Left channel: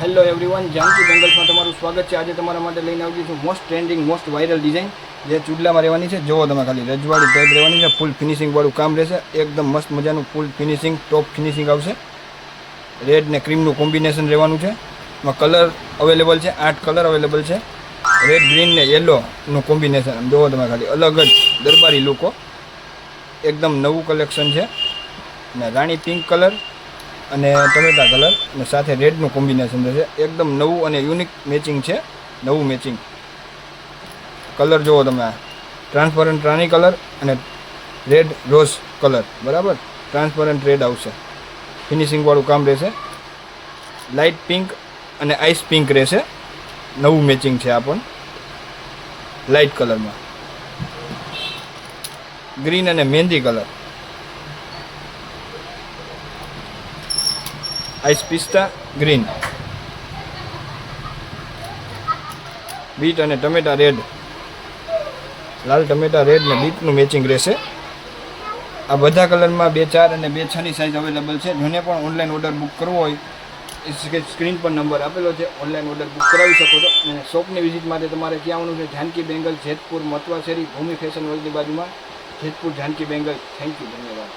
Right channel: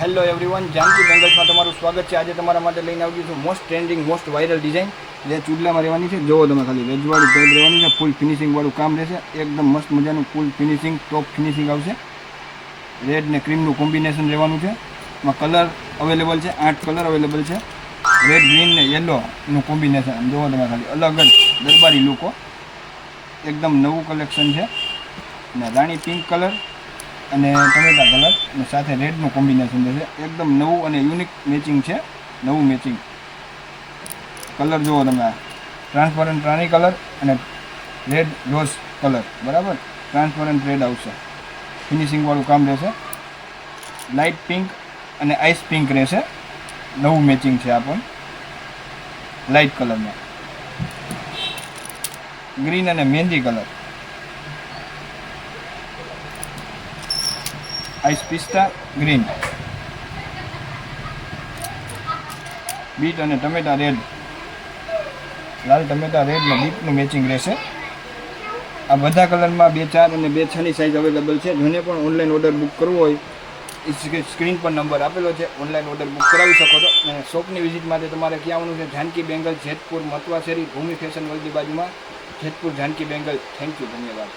Hello everyone, Janaki બેંગલ્સમાં તમારું સ્વાગત છે। આજે તમારા માટે લઈને આવી છું most trending most viral design જે ચૂડલામાં રહેવાની છે। જુઓ તમે ખાલી રજવાડી ટાઈપ રહેવાની છે, ફૂલ ફિનિશિંગવાળું કામ રહેશે, એકદમ મસ્ત મજાનું ફૂલ ફિનિશિંગ ટોપ ફિનિશિંગ આવશે। રેડ ને ક્રીમનું કોમ્બિનેશન રહેવાનું છે। એમાં કલર અવેલેબલ છે, 8 કલર અવેલેબલ છે। રેડ, ગ્રીન ને યલોનું કોમ્બિનેશન જુઓ તમે ખાલી, અલગ જ દરબારી લુકો, એકદમ નવું કલેક્શન છે। અને રાણી પિંક કલર અને ટમેટા કલર અને સાથે રેડનું કોમ્બિનેશન છે, એકદમ નવું અને યુનિક મેચિંગ છે। નવું મેચિંગ કલર જુઓ તમે, ટ્રાન્સપરન્ટ રાણી કલર અને રેડ રોઝ કલર, બરાબર ટ્રાન્સપરન્ટ રેડ આવશે, ફિનિશિંગવાળું કામ રહેશે। લાઇટ પિંક અને આઈસ પિંક રહેશે, નવું મેચિંગ છે આ પણ લાઇટ કલરમાં। ગ્રીન અને મહેંદી કલર, આઈસ પિસ્તા ગ્રીન, બીટ અને ટમેટા રેડ, લાલ ટમેટા રેડ ને બીટનું મેચિંગ રહેશે। આ બધા કલરમાં 2, 4 અને 2, 6ની સાઇઝ અવેલેબલ છે। જેને પણ ઓનલાઈન ઓર્ડર બુક કરવો હોય સ્ક્રીન પર નંબર આપેલો છે, ઓનલાઈન ઓર્ડર બુક કરાવી શકો છો। અને શોપની વિઝિટ માટે તમારે ક્યાં આવવાનું છે? જાનકી બેંગલ, જેતપુર, મતવા શેરી, ભૂમિ ફેશન વર્લ્ડની બાજુમાં, જેતપુર જાનકી બેંગલ। થેન્ક યુ, ધન્યવાદ।